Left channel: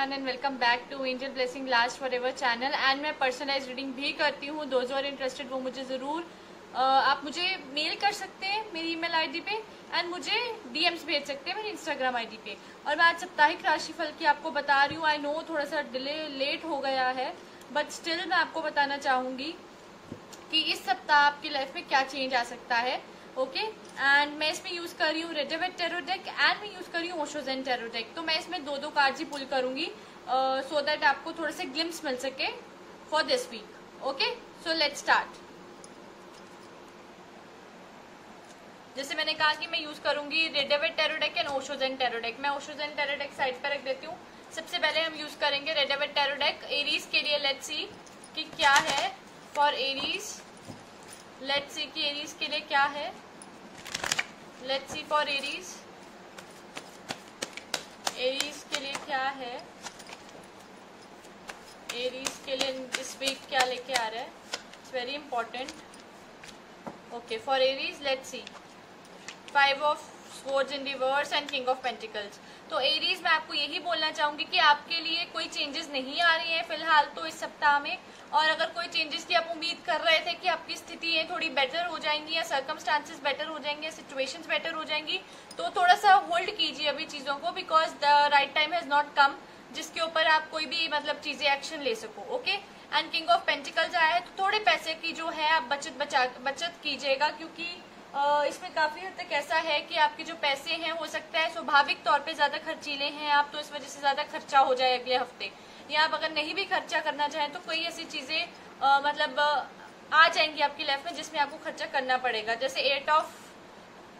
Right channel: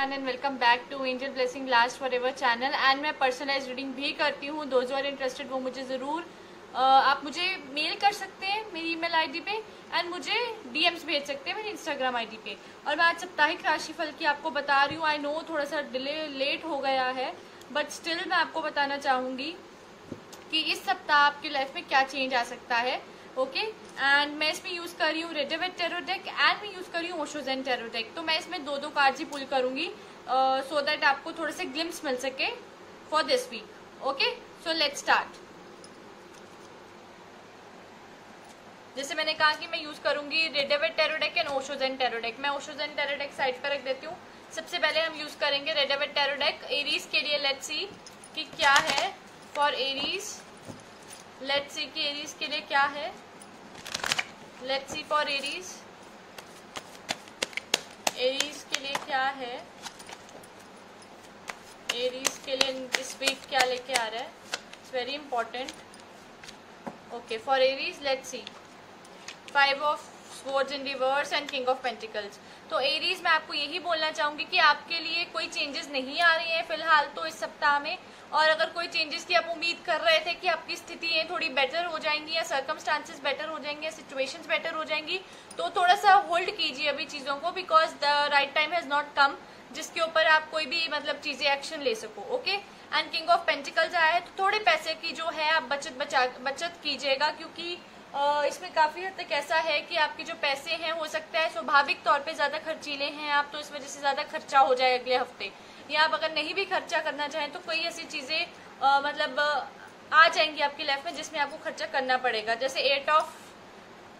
Everyone and welcome back to angel blessing last forever channel. And मैं personalize reading भी करती हूँ। Those are interested वो मुझे जरूर आप मुझे मेल कर सकते हैं मेरी ईमेल आईडी पे एंड मुझे डीएम्स भेज सकते हैं मेरी इंस्टाग्राम आईडी पे। और मैं आज साप्ताहिक राशिफल की आपको बता रही हूँ। आई नो थोड़ा सा डिले लेट हो गया है बट स्टिल मैं आपको बताना चाहूंगी कि इस सप्ताह आपकी लाइफ में क्या चेंज आ सकता है। ओके एंड मैं इसमें यूज कर रही हूँ रिडरवेट टैरो डेक एंड मैं यूज कर रही हूँ ओशो ज़ेन टैरो डेक। तो मैं इसमें दो कार्ड्स ही पुल करूंगी सो दैट आपको थोड़े से ग्लिम्स मिल सके for this week. Okay so let's start. जैसे मैंने कहा कि मैं यूज करूंगी Rider Waite tarot deck and Osho Zen tarot deck. मैं Osho Zen tarot deck side पर रख देती हूँ। सबसे पहले हम यूज करेंगे रिडरवेट टैरो डेक एरीज के लिए। लेट्स सी कि क्या है फॉर एरीज। लेट्स सी कि एरीज के लिए क्या है। Let's see for Aries. Aries के लिए क्या है। एरीज के लिए दिस वीक क्या लेके आ रहा है। It's very important. Okay for Aries let's see 5 of swords in reverse and king of pentacles. तो एरीज मैं आपको यही बोलना चाहूंगी कि आपके लिए कोई चेंजेस नहीं आ रही है फिलहाल तो इस सप्ताह में। और अगर कोई चेंजेस की आप उम्मीद कर रहे थे कि आपकी स्थितियां थोड़ी बेटर हो जाएंगी या सर्कमस्टांसेस बेटर हो जाएंगे या सिचुएशंस बेटर हो जाएंगी तो थोड़ा सा होल्ड कीजिए अभी चीजों को because the right time has not come जिसके ऊपर आप कोई भी मतलब चीजें एक्शन ले सको। Okay and king of pentacles आया है तो थोड़े पैसे की जो है आप बचत कीजिएगा क्योंकि इसमें काफी हद तक ऐसा है कि आपके जो पैसे हैं हो सकता है स्वाभाविक तौर पे ज्यादा खर्चीले हैं आप तो इस वजह से ज्यादा खर्चा हो जाए अगले हफ्ते। या आप अगर नहीं भी खर्चा करना चाहें तो कोई ऐसी चीजें मतलब आ जाएंगी आपकी लाइफ में जिसमें आपको खर्चा करना पड़ेगा। जैसे 8 ऑफ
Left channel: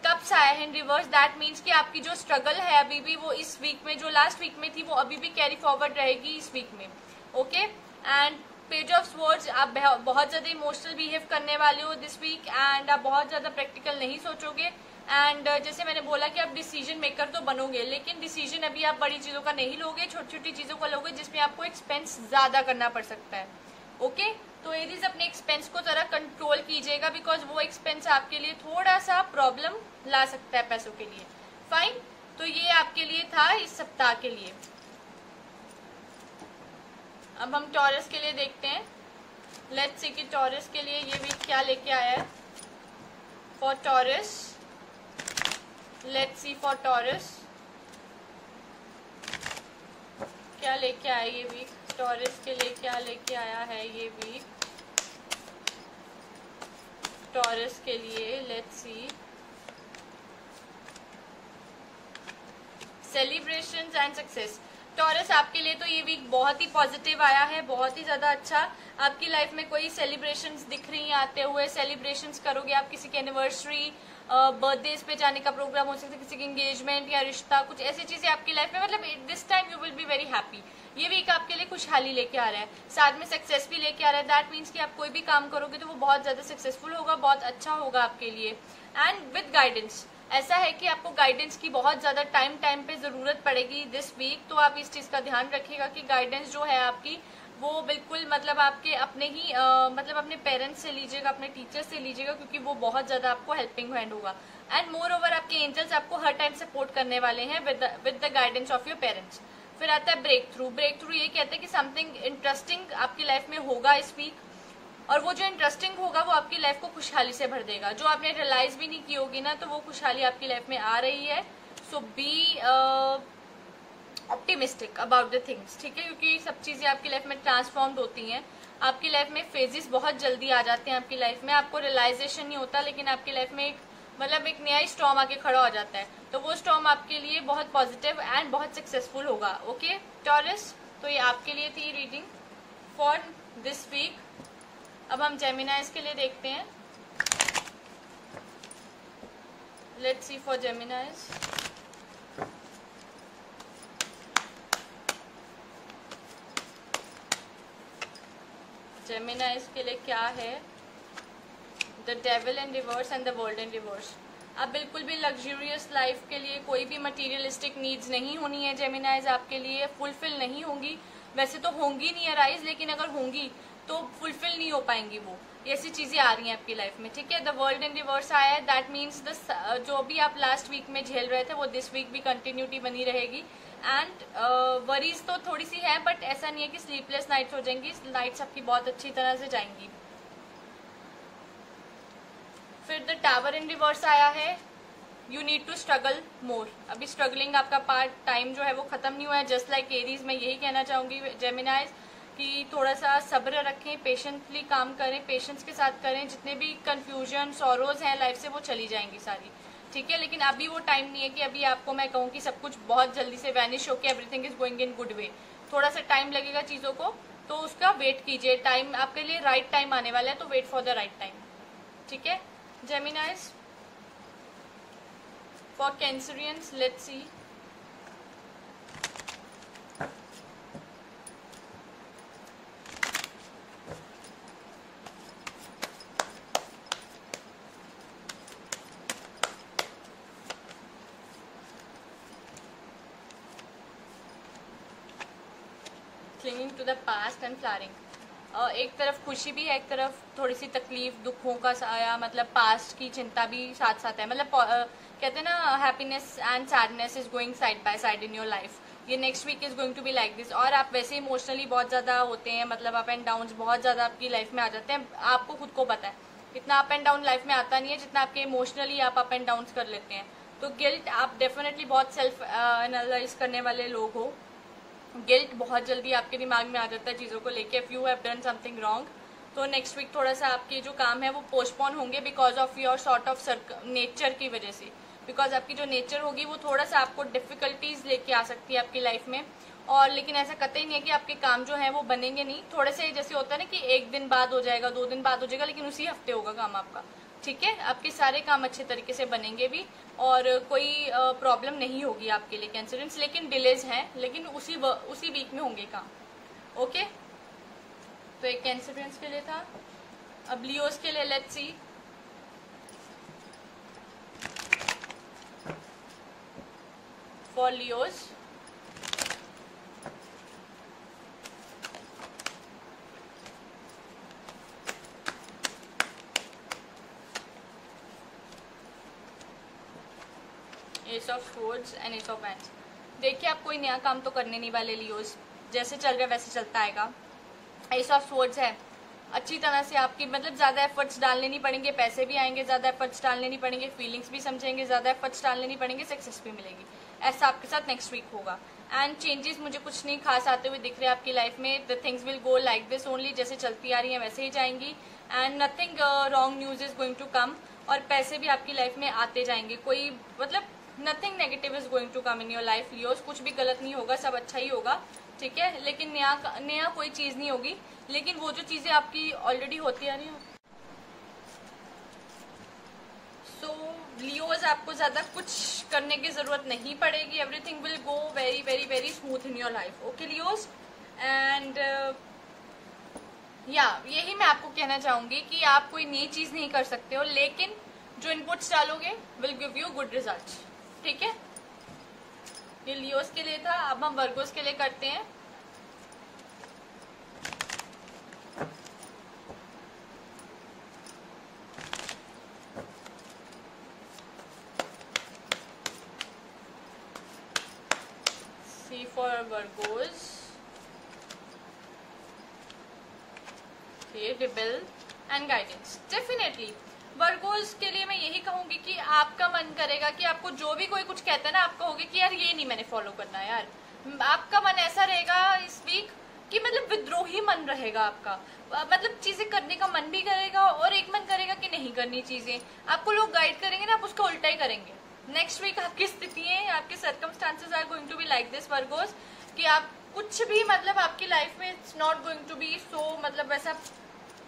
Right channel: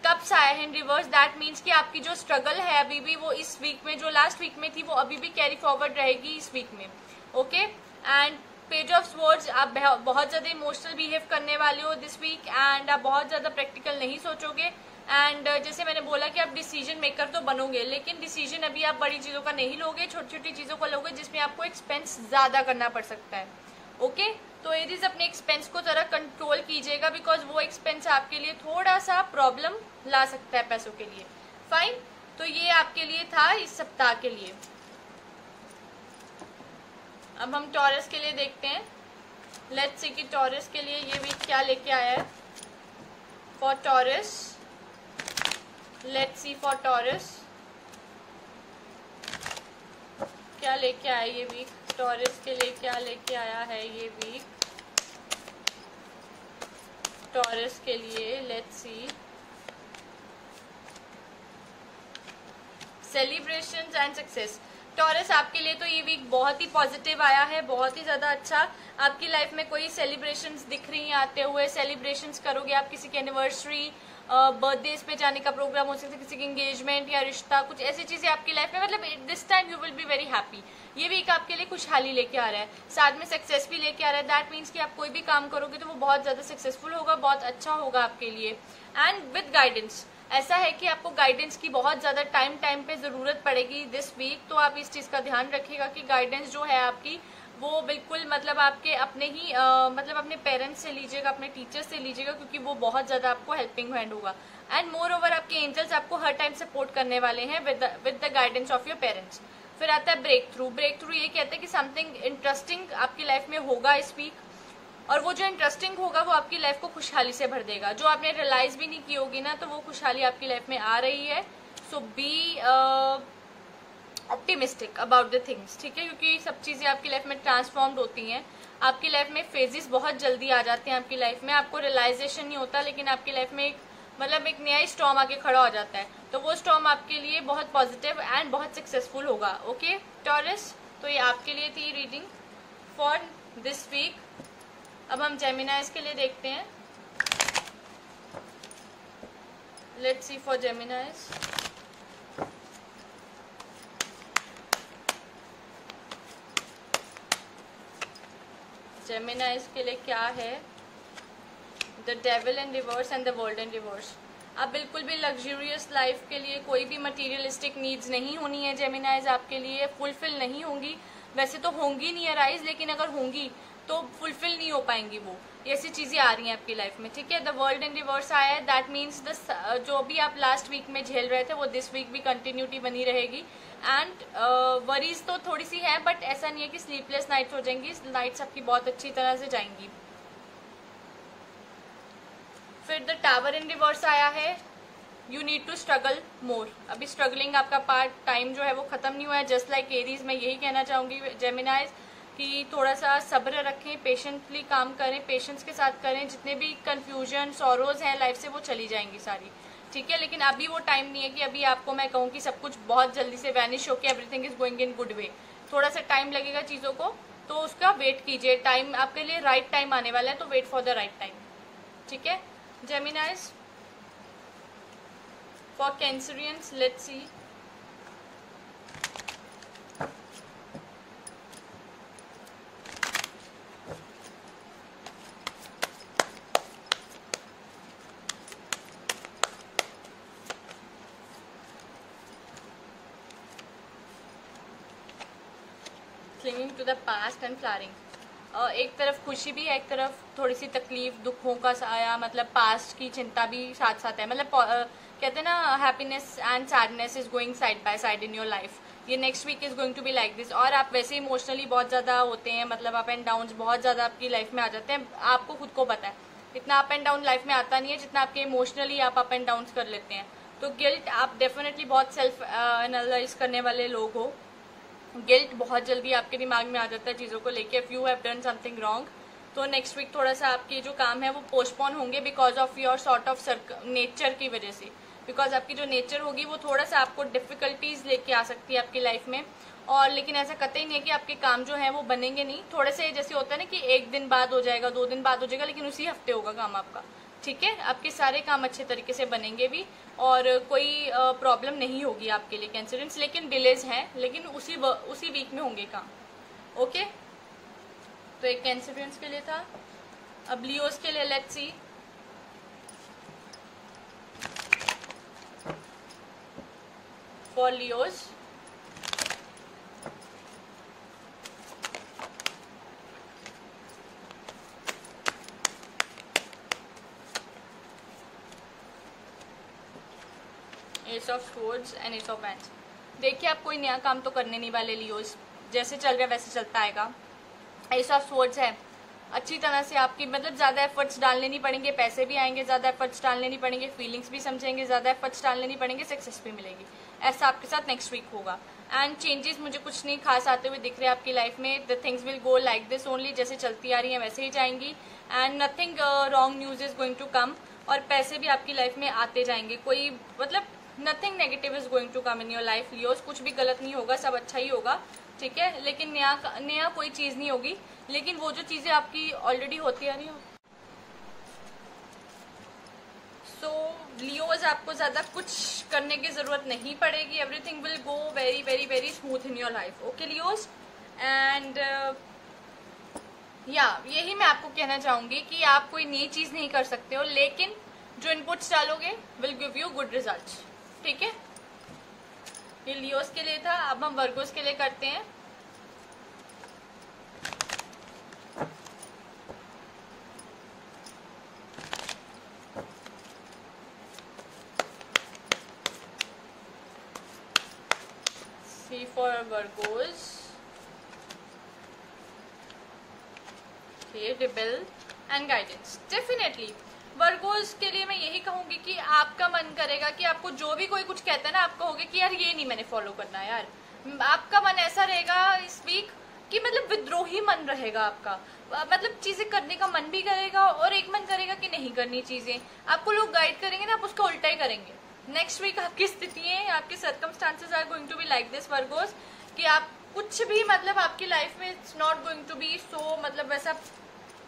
कप्स आए हैं रिवर्स दैट मीन्स कि आपकी जो स्ट्रगल है अभी भी वो इस वीक में जो लास्ट वीक में थी वो अभी भी कैरी फॉरवर्ड रहेगी इस वीक में। Okay and page of swords आप बहुत ज्यादा इमोशनल बिहेव करने वाले हो दिस वीक एंड आप बहुत ज्यादा प्रैक्टिकल नहीं सोचोगे। एंड जैसे मैंने बोला कि आप डिसीजन मेकर तो बनोगे लेकिन डिसीजन अभी आप बड़ी चीजों का नहीं लोगे छोटी छोटी चीजों का लोगे जिसमें आपको एक्सपेंस ज्यादा करना पड़ सकता है। ओके तो एरीज अपने एक्सपेंस को जरा कंट्रोल कीजिएगा बिकॉज वो एक्सपेंस आपके लिए थोड़ा सा प्रॉब्लम ला सकता है पैसों के लिए। फाइन तो ये आपके लिए था इस सप्ताह के लिए। अब हम टॉरस के लिए देखते हैं। लेट्स सी कि टॉरस के लिए ये वीक क्या लेके आया है for taurus. Let's see for taurus क्या लेके आया ये वीक। टॉरस के लिए क्या लेके आया है ये वीक टॉरस के लिए। Let's see celebrations and success. Taurus आपके लिए तो ये वीक बहुत ही पॉजिटिव आया है बहुत ही ज्यादा अच्छा। आपकी लाइफ में कोई सेलिब्रेशंस दिख रही हैं आते हुए। सेलिब्रेशंस करोगे आप किसी की एनिवर्सरी बर्थडेज पे जाने का प्रोग्राम हो सकता है किसी की एंगेजमेंट या रिश्ता कुछ ऐसी चीजें आपकी लाइफ में मतलब this time you will be very happy. ये वीक आपके लिए खुशहाली लेके आ रहा है साथ में सक्सेस भी लेके आ रहा है। दैट मीन्स कि आप कोई भी काम करोगे तो वो बहुत ज्यादा सक्सेसफुल होगा बहुत अच्छा होगा आपके लिए। एंड विद गाइडेंस ऐसा है कि आपको गाइडेंस की बहुत ज्यादा टाइम पे जरूरत पड़ेगी दिस वीक। तो आप इस चीज का ध्यान रखिएगा कि गाइडेंस जो है आपकी वो बिल्कुल मतलब आपके अपने ही मतलब अपने पेरेंट्स से लीजिएगा अपने टीचर से लीजिएगा क्योंकि वो बहुत ज्यादा आपको हेल्पिंग हैंड होगा। एंड मोर ओवर आपके एंजल्स आपको हर टाइम सपोर्ट करने वाले हैं with the guidance of your parents. फिर आता है ब्रेक थ्रू। ब्रेक थ्रू ये कहते हैं कि समथिंग इंटरेस्टिंग आपकी लाइफ में होगा इस वीक और वो जो इंटरेस्टिंग होगा वो आपकी लाइफ को खुशहाली से भर देगा। जो आपने रियलाइज भी नहीं की होगी ना तो वो खुशहाली आपकी लाइफ में आ रही है। So be optimistic about the things. ठीक है क्योंकि सब चीजें आपकी लाइफ में ट्रांसफॉर्म्ड होती हैं। आपकी लाइफ में फेजेस बहुत जल्दी आ जाते हैं आपकी लाइफ में आपको रियलाइजेशन नहीं होता लेकिन आपकी लाइफ में एक नया स्टॉर्म आके खड़ा हो जाता है तो वो स्टॉर्म आपके लिए बहुत पॉजिटिव एंड बहुत सक्सेसफुल होगा। ओके टॉरस तो ये आपके लिए थी रीडिंग फॉर दिस वीक। अब हम जेमिनाइज के लिए देखते हैं। Let's see for जेमिनाइज। जेमिनाइज के लिए क्या है the devil in reverse and the world in reverse. आप बिल्कुल भी लग्जूरियस लाइफ के लिए कोई भी मटेरियलिस्टिक नीड्स नहीं होनी है जेमिनाइज आपके लिए फुलफिल नहीं होंगी। वैसे तो होंगी नहीं अराइज लेकिन अगर होंगी तो फुलफिल नहीं हो पाएंगी वो। ऐसी चीजें आ रही हैं आपकी लाइफ में, ठीक है। द वर्ल्ड इन रिवर्स आया है, दैट मीन्स जो भी आप लास्ट वीक में झेल रहे थे वो दिस वीक भी कंटिन्यूटी बनी रहेगी। एंड वरीज तो थोड़ी सी है, बट ऐसा नहीं है कि स्लीपलेस नाइट्स हो जाएंगी, नाइट्स आपकी बहुत अच्छी तरह से जाएंगी। फिर द टावर इन रिवर्स आया है, यू नीड टू स्ट्रगल मोर। अभी स्ट्रगलिंग आपका पार्ट टाइम जो है वो खत्म नहीं हुआ है। जस्ट लाइक एरीज, मैं यही कहना चाहूंगी जेमिनाइज कि थोड़ा सा सब्र रखें, पेशेंटली काम करें, पेशेंस के साथ करें। जितने भी कंफ्यूजन सॉरोज हैं लाइफ से वो चली जाएंगी सारी, ठीक है। लेकिन अभी वो टाइम नहीं है कि अभी आपको मैं कहूँ कि सब कुछ बहुत जल्दी से वैनिश होकर everything is going in good way. थोड़ा सा टाइम लगेगा चीजों को, तो उसका वेट कीजिए। टाइम आपके लिए राइट टाइम आने वाला है, तो wait for the right time, ठीक है। Geminis for Cancerians, let's see. Clinging to the past and flaring. एक तरफ खुशी भी है, एक तरफ थोड़ी सी तकलीफ, दुखों का साया, मतलब पास्ट की चिंता भी साथ साथ है। मतलब कहते हैं ना, happiness and sadness is going side by side in your life. ये next week is going to be like this. और आप वैसे इमोशनली बहुत ज्यादा होते हैं, मतलब अप एंड डाउन बहुत ज्यादा आपकी लाइफ में आ जाते हैं। आपको खुद को पता है इतना अप एंड डाउन लाइफ में आता नहीं है जितना आपके इमोशनली आप अप एंड डाउन कर लेते हैं। तो गिल्ट, आप डेफिनेटली बहुत सेल्फ एनालाइज करने वाले लोग हो। गिल्ट बहुत जल्दी आपके दिमाग में आ जाता है चीजों को लेके। If you have done something wrong, तो नेक्स्ट वीक थोड़ा सा आपके जो काम है वो पोस्टपोन होंगे because of your sort of nature की वजह से। बिकॉज आपकी जो नेचर होगी वो थोड़ा सा आपको डिफिकल्टीज लेके आ सकती है आपकी लाइफ में। और लेकिन ऐसा कतई नहीं है कि आपके काम जो है वो बनेंगे नहीं। थोड़े से जैसे होता है ना कि एक दिन बाद हो जाएगा, 2 दिन बाद हो जाएगा, लेकिन उसी हफ्ते होगा काम आपका, ठीक है। आपके सारे काम अच्छे तरीके से बनेंगे भी और कोई प्रॉब्लम नहीं होगी आपके लिए कैंसरियंस। लेकिन डिलेज हैं, लेकिन उसी वीक में होंगे काम, ओके। तो एक कैंसरियंस के लिए था। अब लियोस के लिए let's see. For Leos, S of swords and S of wands. देखिए, आप कोई नया काम तो करने नहीं वाले लियोस, जैसे चल रहा है वैसे चलता आएगा। एस ऑफ स्वॉर्ड्स है, अच्छी तरह से आपकी मतलब ज्यादा एफर्ट्स डालने नहीं पड़ेंगे, पैसे भी आएंगे, ज्यादा एफर्ट्स डालने नहीं पड़ेंगे, फीलिंग्स भी समझेंगे, ज्यादा एफर्ट्स डालने नहीं पड़ेंगे, सक्सेस भी मिलेगी। ऐसा आपके साथ नेक्स्ट वीक होगा। एंड चेंजेस मुझे कुछ नहीं खास आते हुए दिख रहे हैं आपकी लाइफ में। The things will go like this only, जैसे चलती आ रही है वैसे ही जाएंगी। And nothing wrong news is going to come. और पैसे भी आपकी लाइफ में आते जाएंगे। कोई मतलब nothing negative is going to come in your life Leos. कुछ भी गलत नहीं होगा, सब अच्छा ही होगा, ठीक है। लेकिन नया कोई चीज नहीं होगी, लेकिन वो जो चीजें आपकी ऑलरेडी होती आ रही हैं। सो लियोज, आपको ज्यादा कुछ करने की जरूरत नहीं पड़ेगी। Everything will go very very very smooth in your life, okay Leos. And यही मैं आपको कहना चाहूंगी कि आप कोई नई चीज नहीं कर सकते हो, लेकिन जो इनपुट्स डालोगे will give you good results, ठीक है। ये लियोस के लिए था। अब हम वर्गोस के लिए करते हैं। See for Virgos, rebel and guidance. Definitely Virgos के लिए मैं यही कहूंगी कि आपका मन करेगा कि आपको जो भी कोई कुछ कहता है ना, आप कहोगे कि यार ये नहीं मैंने फॉलो करना है यार। आपका मन ऐसा रहेगा इस वीक कि मतलब विद्रोही मन रहेगा आपका। मतलब चीजें करने का मन भी करेगा और एक मन करेगा कि नहीं करनी चीजें। आपको लोग गाइड करेंगे ना, आप उसका उल्टा ही करेंगे। नेक्स्ट वीक आपकी स्थितियां, आपके circumstances are going to be like this Virgos, कि आप कुछ भी मतलब आपकी लाइफ में it's not going to be so, मतलब वैसा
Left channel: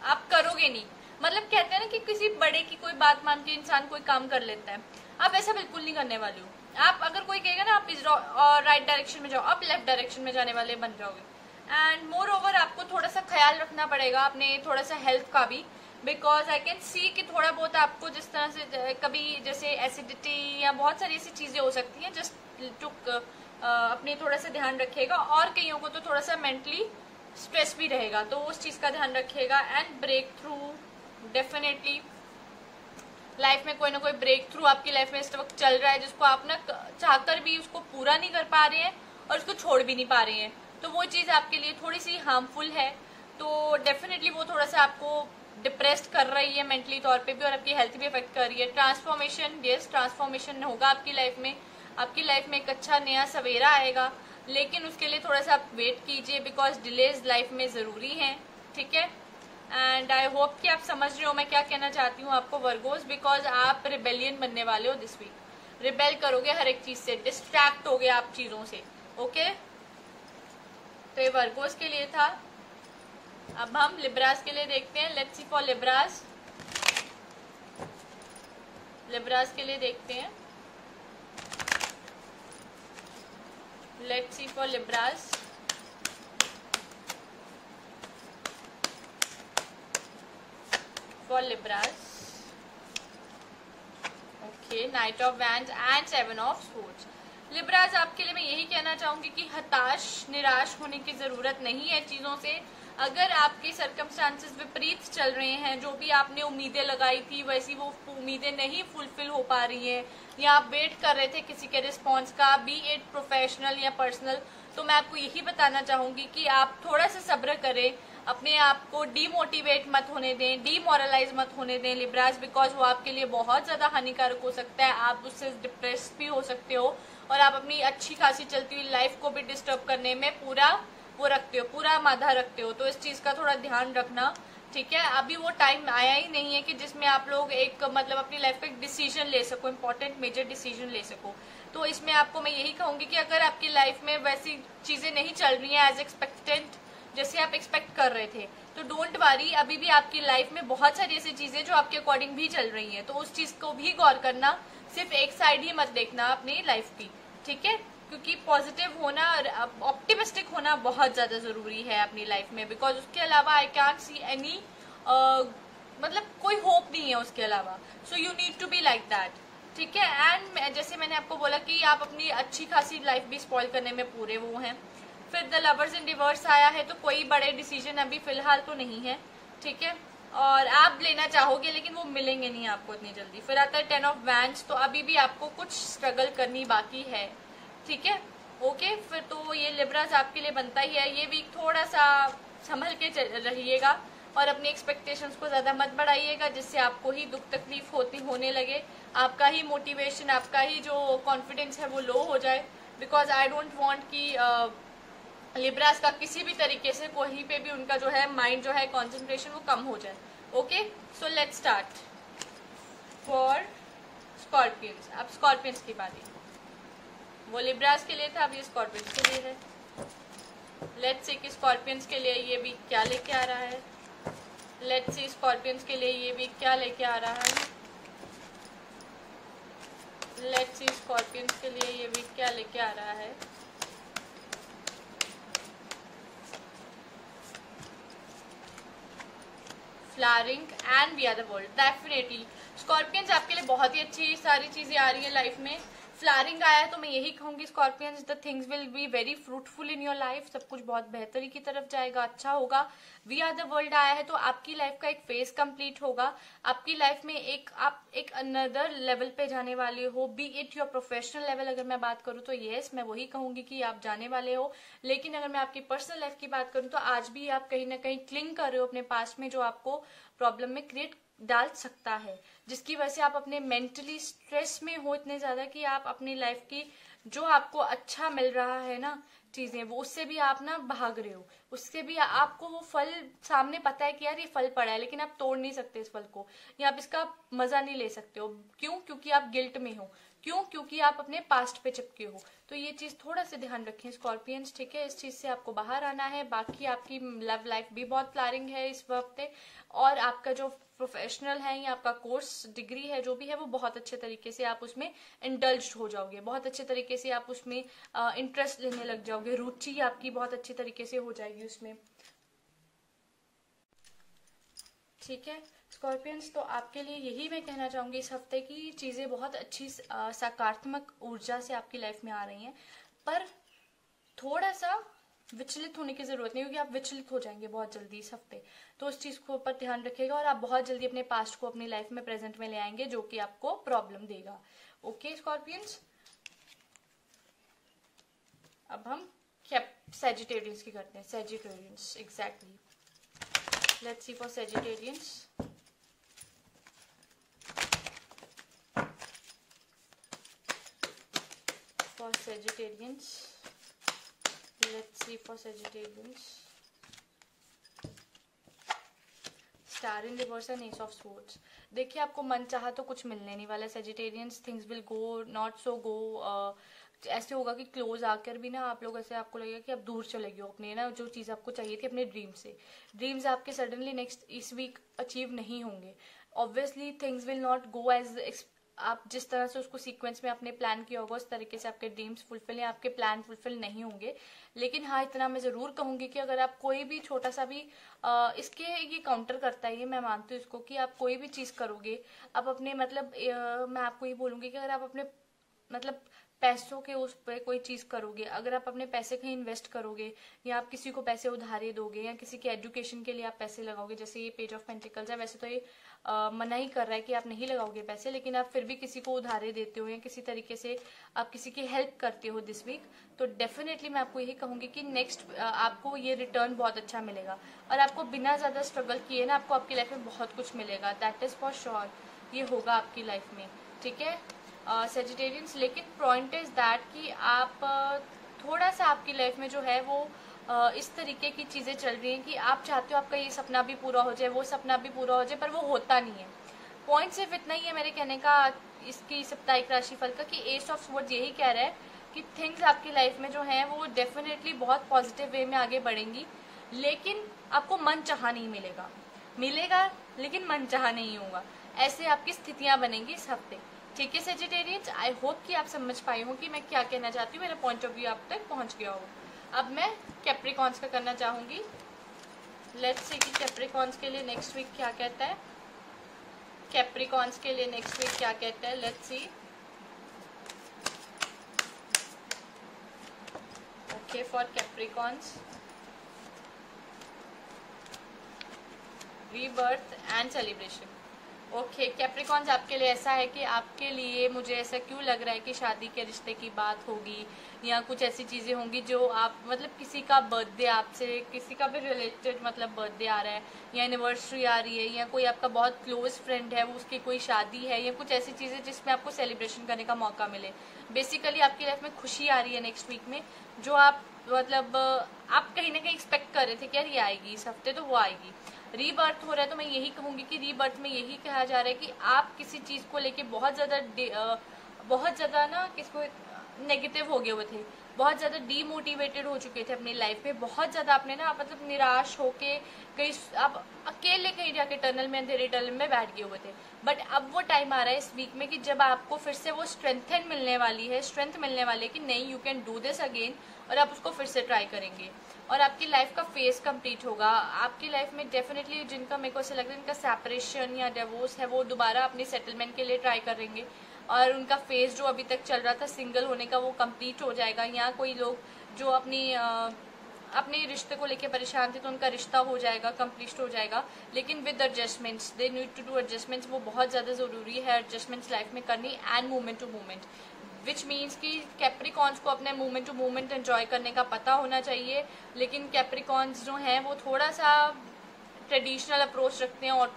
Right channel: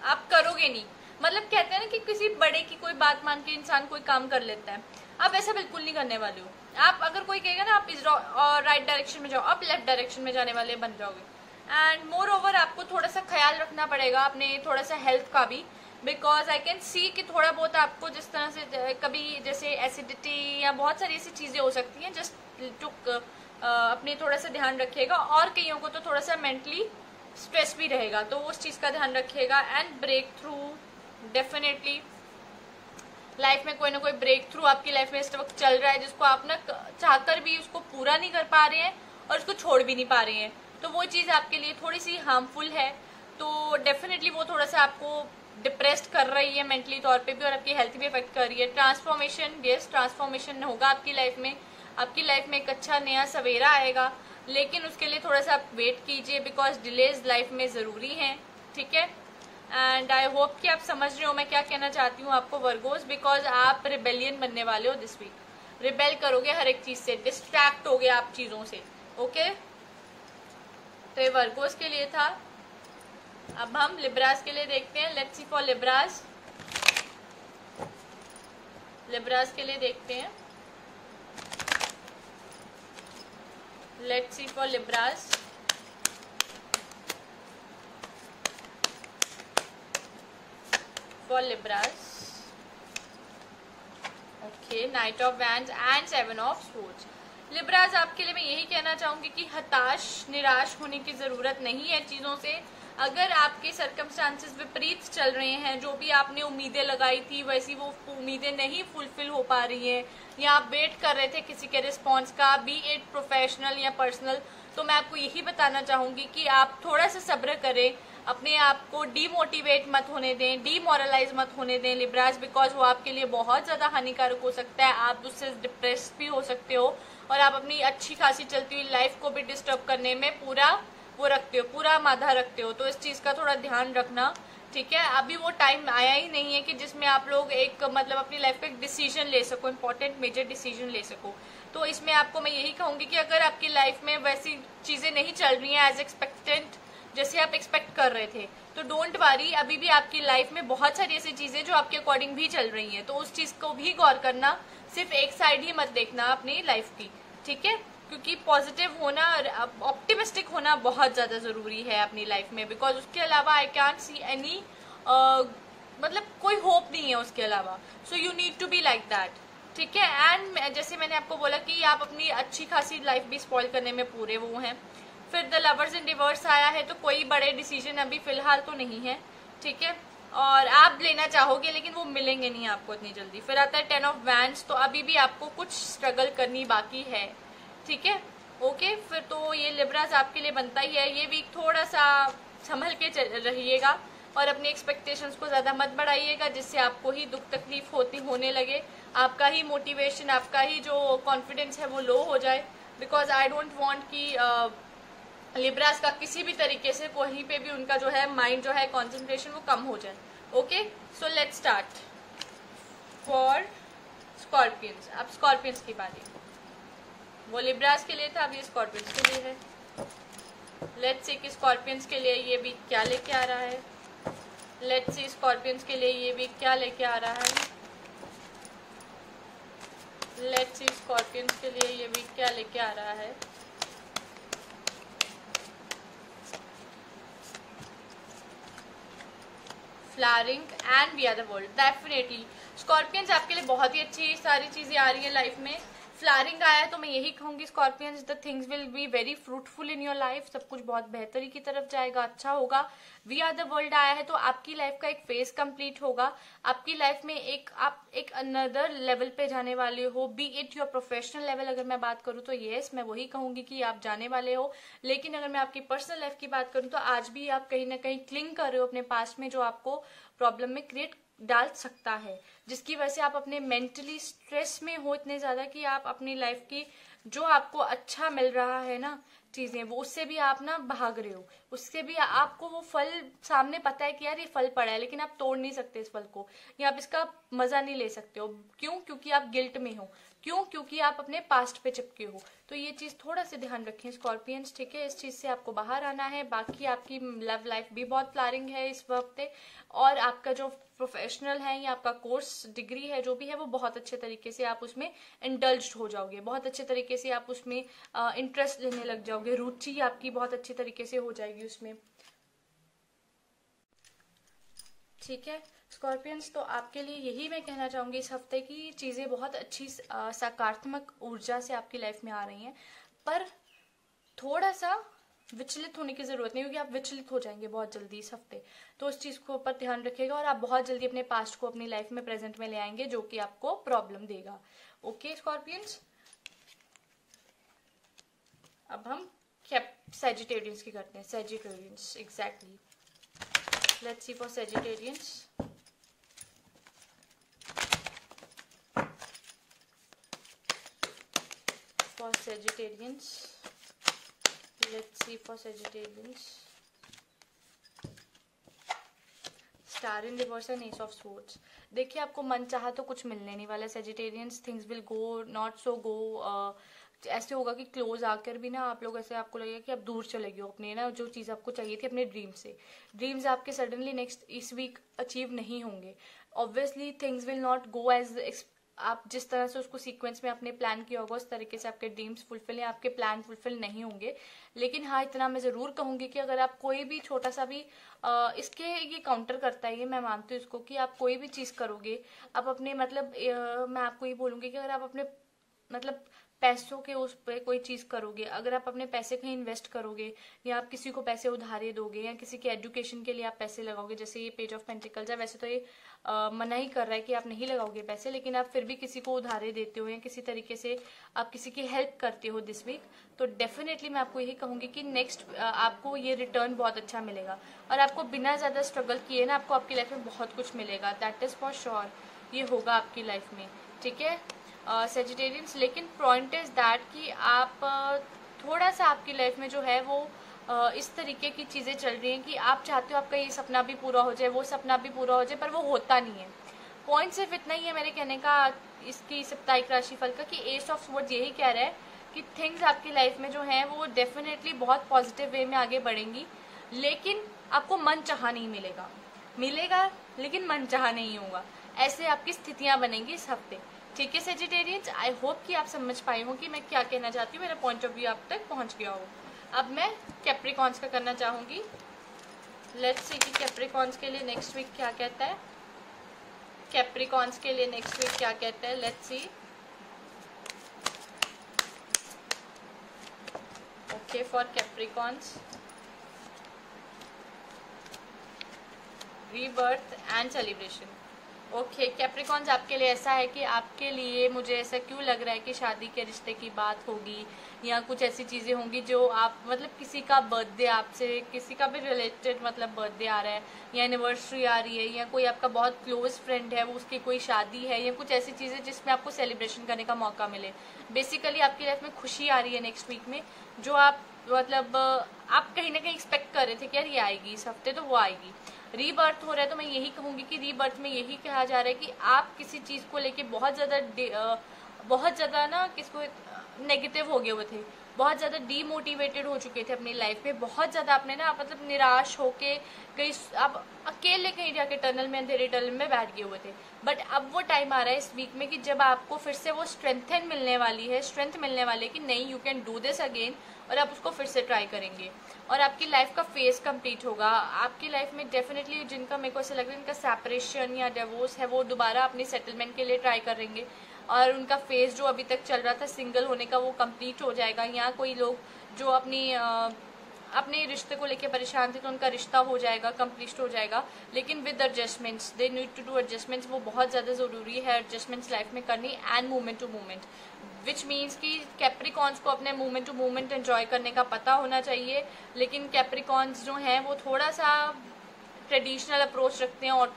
आप करोगे नहीं। मतलब कहते हैं ना कि किसी बड़े की कोई बात मान के इंसान कोई काम कर लेता है, आप ऐसा बिल्कुल नहीं करने वाले हो। आप अगर कोई कहेगा ना आप इस राइट डायरेक्शन में जाओ, आप लेफ्ट डायरेक्शन में जाने वाले बन जाओगे। एंड मोर ओवर आपको थोड़ा सा ख्याल रखना पड़ेगा अपने थोड़ा सा हेल्थ का भी, बिकॉज आई कैन सी कि थोड़ा बहुत आपको जिस तरह से कभी जैसे एसिडिटी या बहुत सारी ऐसी चीजें हो सकती हैं। जस्ट टू अपनी थोड़ा सा ध्यान रखिएगा। और कईयों को तो थोड़ा सा मेंटली स्ट्रेस भी रहेगा, तो उस चीज का ध्यान रखिएगा। And breakthrough definitely life में कोई ना कोई ब्रेक थ्रू आपकी लाइफ में इस वक्त चल रहा है, जिसको आप ना चाहकर भी उसको पूरा नहीं कर पा रहे हैं और उसको छोड़ भी नहीं पा रहे हैं, तो वो चीज आपके लिए थोड़ी सी हार्मफुल है। तो डेफिनेटली वो थोड़ा सा आपको डिप्रेस्ड कर रही है मेंटली तौर पे भी, और आपकी हेल्थ भी अफेक्ट कर रही है। ट्रांसफॉर्मेशन, यस ट्रांसफॉर्मेशन होगा आपकी लाइफ में, आपकी लाइफ में एक अच्छा नया सवेरा आएगा, लेकिन उसके लिए थोड़ा सा आप वेट कीजिए, बिकॉज डिलेज लाइफ में जरूरी है, ठीक है। एंड आई होप कि आप समझ रहे हो मैं क्या कहना चाहती हूँ आपको वर्गोस, बिकॉज आप रिबेलियन बनने वाले हो दिस वीक, रिबेल करोगे हर एक चीज से, डिस्ट्रैक्ट हो गए आप चीजों से, ओके। तो ये वर्गोस के लिए था। अब हम लिब्रास के लिए देखते हैं। Let's see for Libras, Libras के लिए देखते हैं। Let's see for Libras. For Libras, okay, night of wands and 7 of swords. Libras आपके लिए मैं यही कहना चाहूंगी कि हताश निराश होने की जरूरत नहीं है चीजों से। अगर आपके सर्कमस्टांसेस विपरीत चल रहे हैं, जो भी आपने उम्मीदें लगाई थी वैसी वो उम्मीदें नहीं फुलफिल हो पा रही हैं, या आप वेट कर रहे थे किसी के रिस्पॉन्स का, बी इट प्रोफेशनल या पर्सनल, तो मैं आपको यही बताना चाहूंगी कि आप थोड़ा सा सब्र करें, अपने आप को डीमोटिवेट मत होने दें, डीमोरलाइज मत होने दें लिब्रास, बिकॉज वो आपके लिए बहुत ज्यादा हानिकारक हो सकता है। आप उससे डिप्रेस भी हो सकते हो, और आप अपनी अच्छी खासी चलती हुई लाइफ को भी डिस्टर्ब करने में पूरा वो रखते हो, पूरा माधा रखते हो। तो इस चीज का थोड़ा ध्यान रखना, ठीक है। अभी वो टाइम आया ही नहीं है कि जिसमें आप लोग एक मतलब अपनी लाइफ पे एक डिसीजन ले सको, इम्पोर्टेंट मेजर डिसीजन ले सको। तो इसमें आपको मैं यही कहूंगी कि अगर आपकी लाइफ में वैसी चीजें नहीं चल रही हैं एज एक्सपेक्टेड, जैसे आप एक्सपेक्ट कर रहे थे, तो डोंट वरी, अभी भी आपकी लाइफ में बहुत सारी ऐसी चीजें जो आपके अकॉर्डिंग भी चल रही हैं, तो उस चीज को भी गौर करना, सिर्फ एक साइड ही मत देखना अपनी लाइफ की, ठीक है। क्योंकि पॉजिटिव होना, ऑप्टिमिस्टिक होना बहुत ज्यादा जरूरी है अपनी लाइफ में, बिकॉज उसके अलावा आई कैंट सी एनी, मतलब कोई होप नहीं है उसके अलावा। So you need to be like that, ठीक है। एंड जैसे मैंने आपको बोला कि आप अपनी अच्छी खासी लाइफ भी स्पॉइल करने में पूरे वो हैं। फिर द लवर्स इन रिवर्स आया है, तो कोई बड़े डिसीजन अभी फिलहाल तो नहीं है, ठीक है, और आप लेना चाहोगे लेकिन वो मिलेंगे नहीं आपको इतनी जल्दी। फिर आता है 10 ऑफ वैंड्स, तो अभी भी आपको कुछ स्ट्रगल करनी बाकी है, ठीक है, ओके। फिर तो ये लिब्रास आपके लिए बनता ही है, ये वीक थोड़ा सा संभल के रहिएगा और अपनी एक्सपेक्टेशंस को ज्यादा मत बढ़ाइएगा, जिससे आपको ही दुख तकलीफ होने लगे, आपका ही मोटिवेशन, आपका ही जो कॉन्फिडेंस है वो लो हो जाए, बिकॉज आई डोंट वांट कि लिब्रास का किसी भी तरीके से कहीं पे भी उनका जो है माइंड जो है कंसंट्रेशन वो कम हो जाए, okay. So let's start for Scorpions. अब स्कॉर्पियंस की बारी, वो लिब्रास के लिए था, अब ये स्कॉर्पियंस के लिए है। लेट्स सी कि स्कॉर्पियंस के लिए ये वीक क्या लेके आ रहा है। लेट्स सी स्कॉर्पियंस के लिए ये वीक क्या लेके आ रहा है। लेट्स सी स्कॉर्पियंस के लिए ये वीक क्या लेके आ रहा है। Flaring and we are the world, definitely Scorpions आपके लिए बहुत ही अच्छी सारी चीजें आ रही है लाइफ में। फ्लारिंग आया है तो मैं यही कहूंगी Scorpions, the things will be very fruitful in your life, सब कुछ बहुत बेहतरी की तरफ जाएगा, अच्छा होगा। वी आर द वर्ल्ड आया है तो आपकी लाइफ का एक फेज कंप्लीट होगा, आपकी लाइफ में आप एक अनदर लेवल पे जाने वाले हो, B it your professional level अगर मैं बात करूँ तो यस मैं वही कहूंगी कि आप जाने वाले हो। लेकिन अगर मैं आपकी पर्सनल लाइफ की बात करूँ तो आज भी आप कहीं ना कहीं क्लिंग कर रहे हो अपने पास्ट में, जो आपको प्रॉब्लम में क्रिएट डाल सकता है, जिसकी वजह से आप अपने मेंटली स्ट्रेस में हो इतने ज्यादा कि आप अपनी लाइफ की जो आपको अच्छा मिल रहा है ना चीजें, वो उससे भी आप ना भाग रहे हो, उससे भी आपको वो फल सामने पता है कि यार ये फल पड़ा है, लेकिन आप तोड़ नहीं सकते इस फल को, या आप इसका मजा नहीं ले सकते हो। क्यों? क्योंकि आप गिल्ट में हो। क्यों? क्योंकि आप अपने पास्ट पे चिपके हो। तो ये चीज थोड़ा सा ध्यान रखें स्कॉर्पियंस, ठीक है, इस चीज से आपको बाहर आना है। बाकी आपकी लव लाइफ भी बहुत फ्लारिंग है इस हफ्ते, और आपका जो प्रोफेशनल है या आपका कोर्स डिग्री है जो भी है वो बहुत अच्छे तरीके से आप उसमें इंडल्ज हो जाओगे, बहुत अच्छे तरीके से आप उसमें इंटरेस्ट लेने लग जाओगे, रुचि आपकी बहुत अच्छे तरीके से हो जाएगी उसमें, ठीक है स्कॉर्पियंस। तो आपके लिए यही मैं कहना चाहूंगी इस हफ्ते की चीजें बहुत अच्छी सकारात्मक ऊर्जा से आपकी लाइफ में आ रही हैं, पर थोड़ा सा विचलित होने की जरूरत नहीं, क्योंकि आप विचलित हो जाएंगे बहुत जल्दी इस हफ्ते। तो उस चीज को ऊपर ध्यान रखिएगा और आप बहुत जल्दी अपने पास्ट को अपनी लाइफ में प्रेजेंट में ले आएंगे, जो कि आपको प्रॉब्लम देगा। ओके स्कॉर्पियंस, अब हम सैजिटेरियंस की करते हैं। Sagittarians exactly, let's see for Sagittarians. For Sagittarians, let's see for Sagittarians. Star in reverse and Ace of Swords. देखिए आपको मन चाहा तो कुछ मिलने नहीं वाला Sagittarians. Things will go not so go. ऐसे होगा कि क्लोज आकर भी ना आप लोग ऐसे आपको लगेगा कि आप दूर चले गए हो अपने ना जो चीज आपको चाहिए थी अपने ड्रीम से। ड्रीम्स आपके सडनली नेक्स्ट इस वीक अचीव नहीं होंगे। Obviously things will not go as आप जिस तरह से उसको सीक्वेंस में आपने प्लान किया होगा उस तरीके से आपके ड्रीम्स फुलफिल या आपके प्लान फुलफिल नहीं होंगे। लेकिन हाँ, इतना मैं जरूर कहूंगी कि अगर आप कोई भी छोटा सा भी इसके ये काउंटर करता है, ये मैं मानती हूँ इसको, कि आप कोई भी चीज करोगे आप अपने मतलब मैं आपको ये बोलूंगी कि अगर आप अपने मतलब पैसों के उस पे कोई चीज करोगे, अगर आप अपने पैसे कहीं इन्वेस्ट करोगे या आप किसी को पैसे उधारे दोगे या किसी के एजुकेशन के लिए आप पैसे लगाओगे, जैसे ये पेज ऑफ पेंटिकल्स है, वैसे तो ये मना ही कर रहा है कि आप नहीं लगाओगे पैसे, लेकिन आप फिर भी किसी को उधारे देते हो या किसी तरीके से आप किसी की हेल्प करते हो दिस वीक, तो डेफिनेटली मैं आपको यही कहूंगी कि नेक्स्ट आपको ये रिटर्न बहुत अच्छा मिलेगा और आपको बिना ज्यादा स्ट्रगल किए ना आपको आपकी लाइफ में बहुत कुछ मिलेगा। दैट इज फॉर श्योर, ये होगा आपकी लाइफ में। ठीक है सेजिटेरियंस, लेकिन पॉइंट इज दैट कि आप थोड़ा सा आपकी लाइफ में जो है वो इस तरीके की चीजें चल रही हैं कि आप चाहते हो आपका ये सपना भी पूरा हो जाए, वो सपना भी पूरा हो जाए, पर वो होता नहीं है। पॉइंट सिर्फ इतना ही है मेरे कहने का इसकी साप्ताहिक राशिफल का कि एस ऑफ स्वॉर्ड्स यही कह रहा है कि थिंग्स आपकी लाइफ में जो है वो डेफिनेटली बहुत पॉजिटिव वे में आगे बढ़ेंगी, लेकिन आपको मन चाहा नहीं मिलेगा लेकिन मन चाहा नहीं होगा। ऐसे आपकी स्थितियां बनेंगी इस हफ्ते। ठीक है सेजिटेरियंस, आई होप कि आप समझ पाए हो कि मैं क्या कहना चाहती हूँ, मेरा पॉइंट ऑफ व्यू आप तक पहुंच गया हो। अब मैं कैप्रिकॉन्स का करना चाहूंगी। लेट्स सी कि कैप्रिकॉन्स के लिए नेक्स्ट वीक क्या कहता है। कैप्रिकॉन्स के लिए नेक्स्ट वीक क्या कहता है, let's see. Okay for Capricorns, rebirth and celebration. Okay Capricorns, आपके लिए ऐसा है कि आपके लिए मुझे ऐसा क्यों लग रहा है कि शादी के रिश्ते की बात होगी या कुछ ऐसी चीजें होंगी जो आप मतलब किसी का बर्थडे, आपसे किसी का भी रिलेटेड मतलब बर्थडे आ रहा है या एनिवर्सरी आ रही है या कोई आपका बहुत क्लोज फ्रेंड है वो उसकी कोई शादी है या कुछ ऐसी चीजें जिसमें आपको सेलिब्रेशन करने का मौका मिले। बेसिकली आपकी लाइफ में खुशी आ रही है नेक्स्ट वीक में, जो आप मतलब आप कहीं ना कहीं एक्सपेक्ट कर रहे थे कि यार ये आएगी इस हफ्ते, तो वो आएगी। रीबर्थ हो रहा है तो मैं यही कहूंगी कि रीबर्थ में यही कहा जा रहा है कि आप किसी चीज को लेके बहुत ज्यादा ना किसको नेगेटिव हो गए हुए थे, बहुत ज्यादा डीमोटिवेटेड हो चुके थे अपनी लाइफ में, बहुत ज्यादा आपने ना मतलब निराश होके कहीं आप अकेले कहीं जाके टनल में अंधेरे टनल में बैठ गए हुए थे। बट अब वो टाइम आ रहा है इस वीक में कि जब आपको फिर से वो स्ट्रेंथ मिलने वाली है कि नहीं you can do this again, और आप उसको फिर से ट्राई करेंगे और आपकी लाइफ का फेज कंप्लीट होगा। आपकी लाइफ में डेफिनेटली जिनका मेरे को ऐसा लग रहा है इनका सेपरेशन या डिवोर्स है वो दोबारा अपनी सेटलमेंट के लिए ट्राई करेंगे और उनका फेज जो अभी तक चल रहा था सिंगल होने का वो कंप्लीट हो जाएगा। या कोई लोग जो अपने रिश्ते को लेके परेशान थे तो उनका रिश्ता हो जाएगा, कंप्लीट हो जाएगा, लेकिन with adjustments, they need to do adjustments. वो बहुत ज्यादा जरूरी है एडजस्टमेंट्स लाइफ में करनी and movement to movement, which means कि कैप्रिकॉन्स को अपने मूवमेंट टू मूवमेंट एंजॉय करने का पता होना चाहिए। लेकिन कैप्रिकॉन्स जो हैं वो थोड़ा सा ट्रेडिशनल अप्रोच रखते हैं और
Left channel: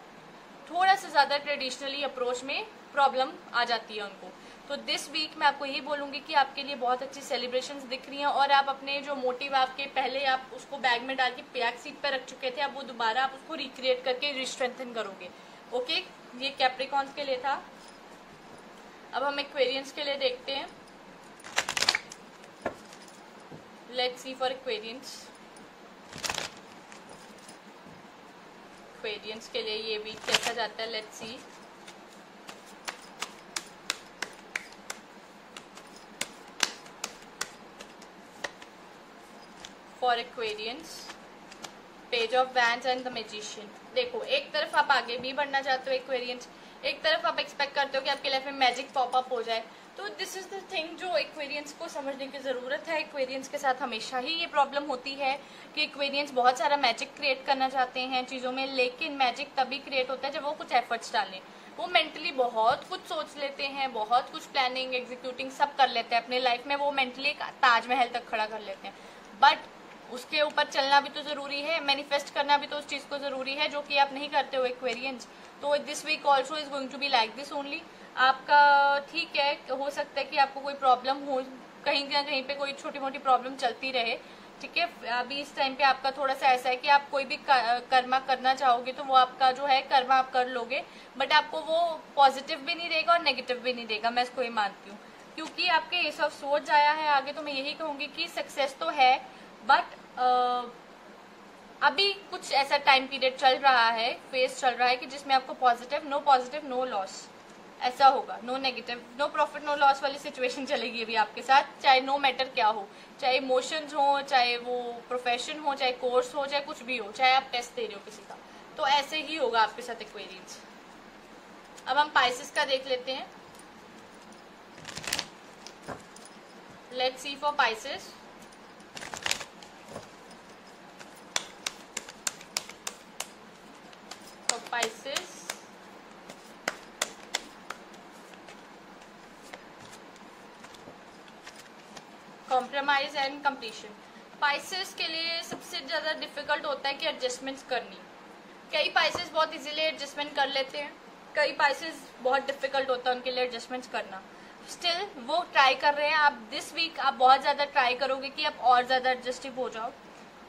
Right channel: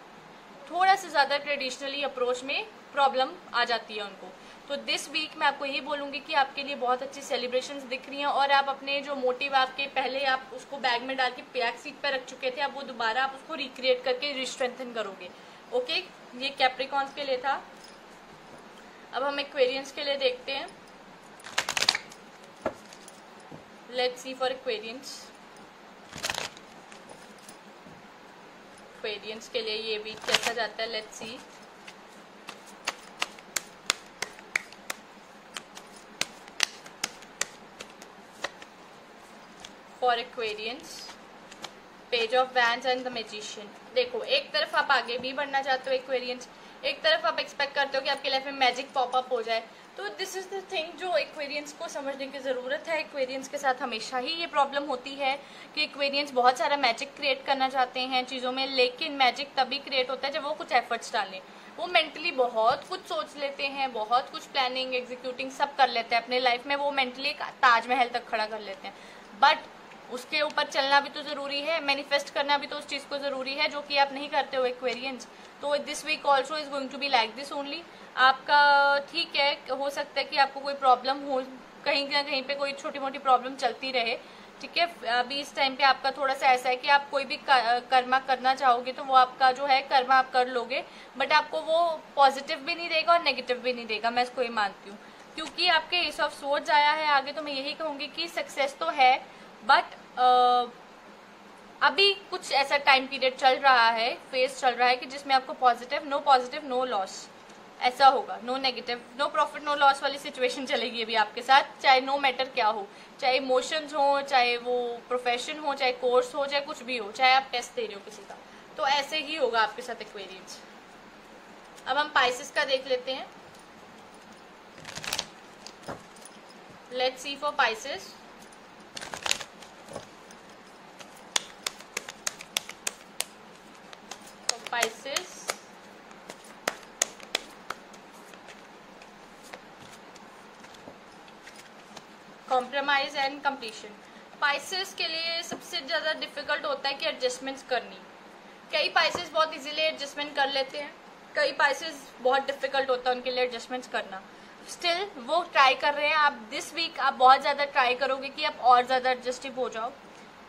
थोड़ा सा ज्यादा ट्रेडिशनली अप्रोच में प्रॉब्लम आ जाती है उनको। तो दिस वीक मैं आपको यही बोलूंगी कि आपके लिए बहुत अच्छी सेलिब्रेशंस दिख रही हैं और आप अपने जो मोटिव आपके पहले आप उसको बैग में डाल के बैक सीट पर रख चुके थे, अब वो दोबारा आप उसको रिक्रिएट करके रिस्ट्रेंथन करोगे। ओके, ये कैप्रिकॉन्स के लिए था। अब हम एक्वेरियंस के लिए देखते हैं। Let's see for Aquarians. Aquarians के लिए ये वीक कैसा जाता है, let's see. For Aquarians, page of wands and the magician. देखो, एक तरफ आप आगे भी बढ़ना चाहते हो एक्वेरियंस, एक तरफ आप एक्सपेक्ट करते हो कि आपकी लाइफ में मैजिक पॉपअप हो जाए, तो दिस इज द थिंग जो एक्वेरियंस को समझने की जरूरत है। एक्वेरियंस के साथ हमेशा ही ये प्रॉब्लम होती है कि एक्वेरियंस बहुत सारा मैजिक क्रिएट करना चाहते हैं चीजों में, लेकिन मैजिक तभी क्रिएट होता है जब वो कुछ एफर्ट्स डालें। वो मेंटली बहुत कुछ सोच लेते हैं, बहुत कुछ प्लानिंग एग्जीक्यूटिंग सब कर लेते हैं अपने लाइफ में, वो मेंटली ताजमहल तक खड़ा कर लेते हैं, बट उसके ऊपर चलना भी तो जरूरी है, मैनिफेस्ट करना भी तो उस चीज को जरूरी है, जो कि आप नहीं करते हो एक्वेरियंस। तो this week also is going to be like this only. आपका ठीक है, हो सकता है कि आपको कोई प्रॉब्लम हो, कहीं ना कहीं पे कोई छोटी मोटी प्रॉब्लम चलती रहे, ठीक है। अभी इस टाइम पे आपका थोड़ा सा ऐसा है कि आप कोई भी कर्मा करना चाहोगे तो वो आपका जो है कर्मा आप कर लोगे, बट आपको वो पॉजिटिव भी नहीं देगा और नेगेटिव भी नहीं देगा, मैं इसको ये मानती हूँ। क्योंकि आपके एस ऑफ सोर्ड्स आया है आगे, तो मैं यही कहूंगी कि सक्सेस तो है, बट अभी कुछ ऐसा टाइम पीरियड चल रहा है, फेज चल रहा है कि जिसमें आपको पॉजिटिव नो लॉस ऐसा होगा, no negative, no profit no loss वाली सिचुएशन चलेगी अभी आपके साथ, चाहे नो मैटर क्या हो, चाहे इमोशंस हो, चाहे वो प्रोफेशन हो, चाहे कोर्स हो, चाहे कुछ भी हो, चाहे आप टेस्ट दे रहे हो किसी का, तो ऐसे ही होगा आपके साथ एक्वेरियंस। अब हम पाइसेस का देख लेते हैं। Let's see for Pisces. Pisces compromise and completion. Pisces के लिए सबसे ज्यादा डिफिकल्ट होता है कि एडजस्टमेंट्स करनी। कई पाइसेस बहुत इजीली एडजस्टमेंट कर लेते हैं, कई पाइसेस बहुत डिफिकल्ट होता है उनके लिए एडजस्टमेंट्स करना। स्टिल वो ट्राई कर रहे हैं। आप दिस वीक आप बहुत ज्यादा ट्राई करोगे कि आप और ज्यादा एडजस्टिव हो जाओ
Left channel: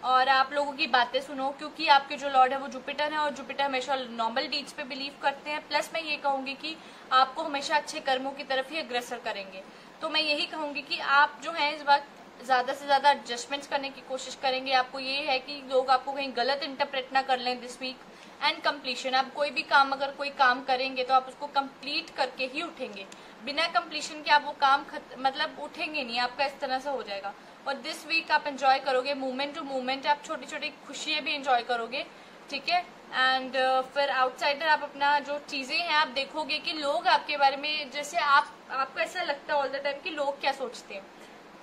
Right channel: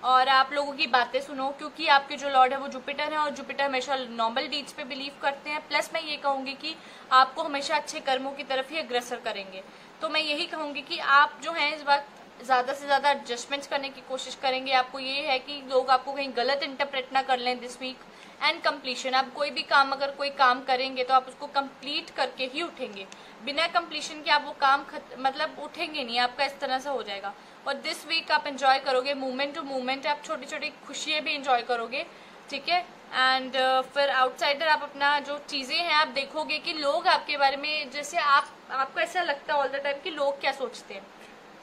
और आप लोगों की बातें सुनो, क्योंकि आपके जो लॉर्ड है वो जुपिटर है और जुपिटर हमेशा नॉर्मल डीड्स पे बिलीव करते हैं। प्लस मैं ये कहूंगी कि आपको हमेशा अच्छे कर्मों की तरफ ही अग्रसर करेंगे। तो मैं यही कहूंगी कि आप जो है इस बार ज्यादा से ज्यादा एडजस्टमेंट्स करने की कोशिश करेंगे। आपको ये है कि लोग आपको कहीं गलत इंटरप्रेट ना कर लें दिस वीक। एंड कंप्लीशन, आप कोई भी काम अगर कोई काम करेंगे तो आप उसको कंप्लीट करके ही उठेंगे, बिना कंप्लीशन के आप वो काम मतलब उठेंगे नहीं, आपका इस तरह से हो जाएगा। और दिस वीक आप एंजॉय करोगे मोमेंट टू मोमेंट, आप छोटी छोटी खुशियां भी एंजॉय करोगे, ठीक है। एंड फिर आउटसाइडर आप अपना जो चीजें हैं आप देखोगे कि लोग आपके बारे में, जैसे आपको ऐसा लगता है ऑल द टाइम कि लोग क्या सोचते हैं,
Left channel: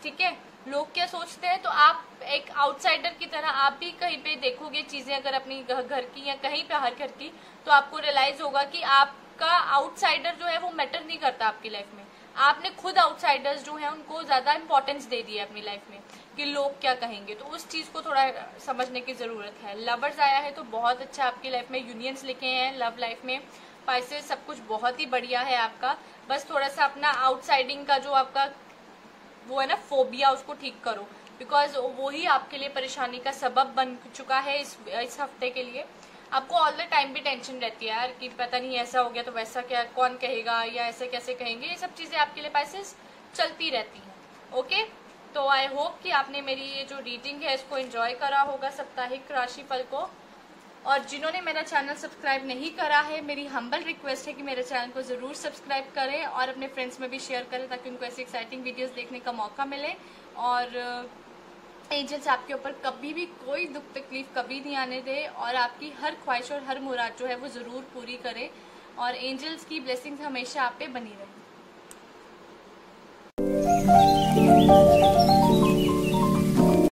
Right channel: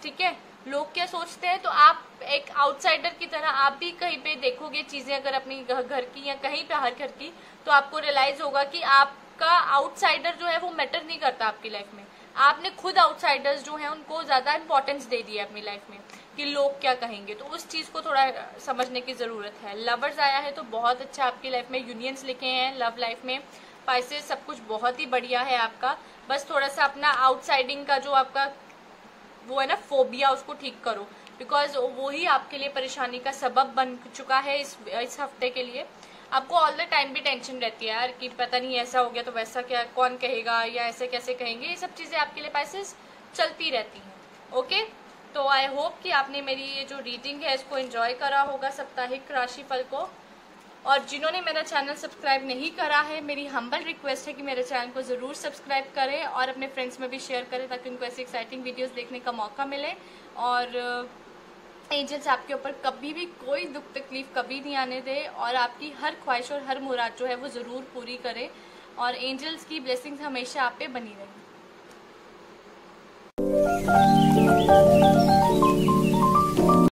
ठीक है, लोग क्या सोचते हैं, तो आप एक आउटसाइडर की तरह आप भी कहीं पे देखोगे चीजें अगर अपनी घर की या कहीं पे हर घर की, तो आपको रियलाइज होगा कि आपका आउटसाइडर जो है वो मैटर नहीं करता आपकी लाइफ में। आपने खुद आउटसाइडर्स जो है उनको ज्यादा इंपॉर्टेंस दे दी है अपनी लाइफ में कि लोग क्या कहेंगे, तो उस चीज को थोड़ा समझने की जरूरत है। लवर्स आया है तो बहुत अच्छा आपकी लाइफ में यूनियंस लिखे हैं लव लाइफ में। पाइसेस सब कुछ बहुत ही बढ़िया है आपका, बस थोड़ा सा अपना आउटसाइडिंग का जो आपका वो है ना फोबिया, उसको ठीक करो, बिकॉज वो ही आपके लिए परेशानी का सबब बन चुका है इस हफ्ते के लिए। आपको ऑल द टाइम भी टेंशन रहती है यार कि पता नहीं ऐसा हो गया तो वैसा क्या, कौन कहेगा या ऐसे कैसे कहेंगे, ये सब चीजें आपके लिए पाइसेस चलती रहती हैं। ओके, तो आई होप कि आपने मेरी ये जो रीडिंग है इसको एंजॉय करा होगा, साप्ताहिक राशिफल को। और जिन्होंने मेरा चैनल सब्सक्राइब नहीं करा है, मेरी हम्बल रिक्वेस्ट है कि मेरे चैनल को जरूर सब्सक्राइब करें और अपने फ्रेंड्स में भी शेयर करें ताकि उनको ऐसी एक्साइटिंग वीडियोस देखने का मौका मिले। और एंजल्स आपके ऊपर कभी भी कोई दुख तकलीफ कभी नहीं आने दे और आपकी हर ख्वाहिश और हर मुराद जो है वो जरूर पूरी करे और एंजल्स की ब्लेसिंग्स हमेशा आप पे बनी रहे।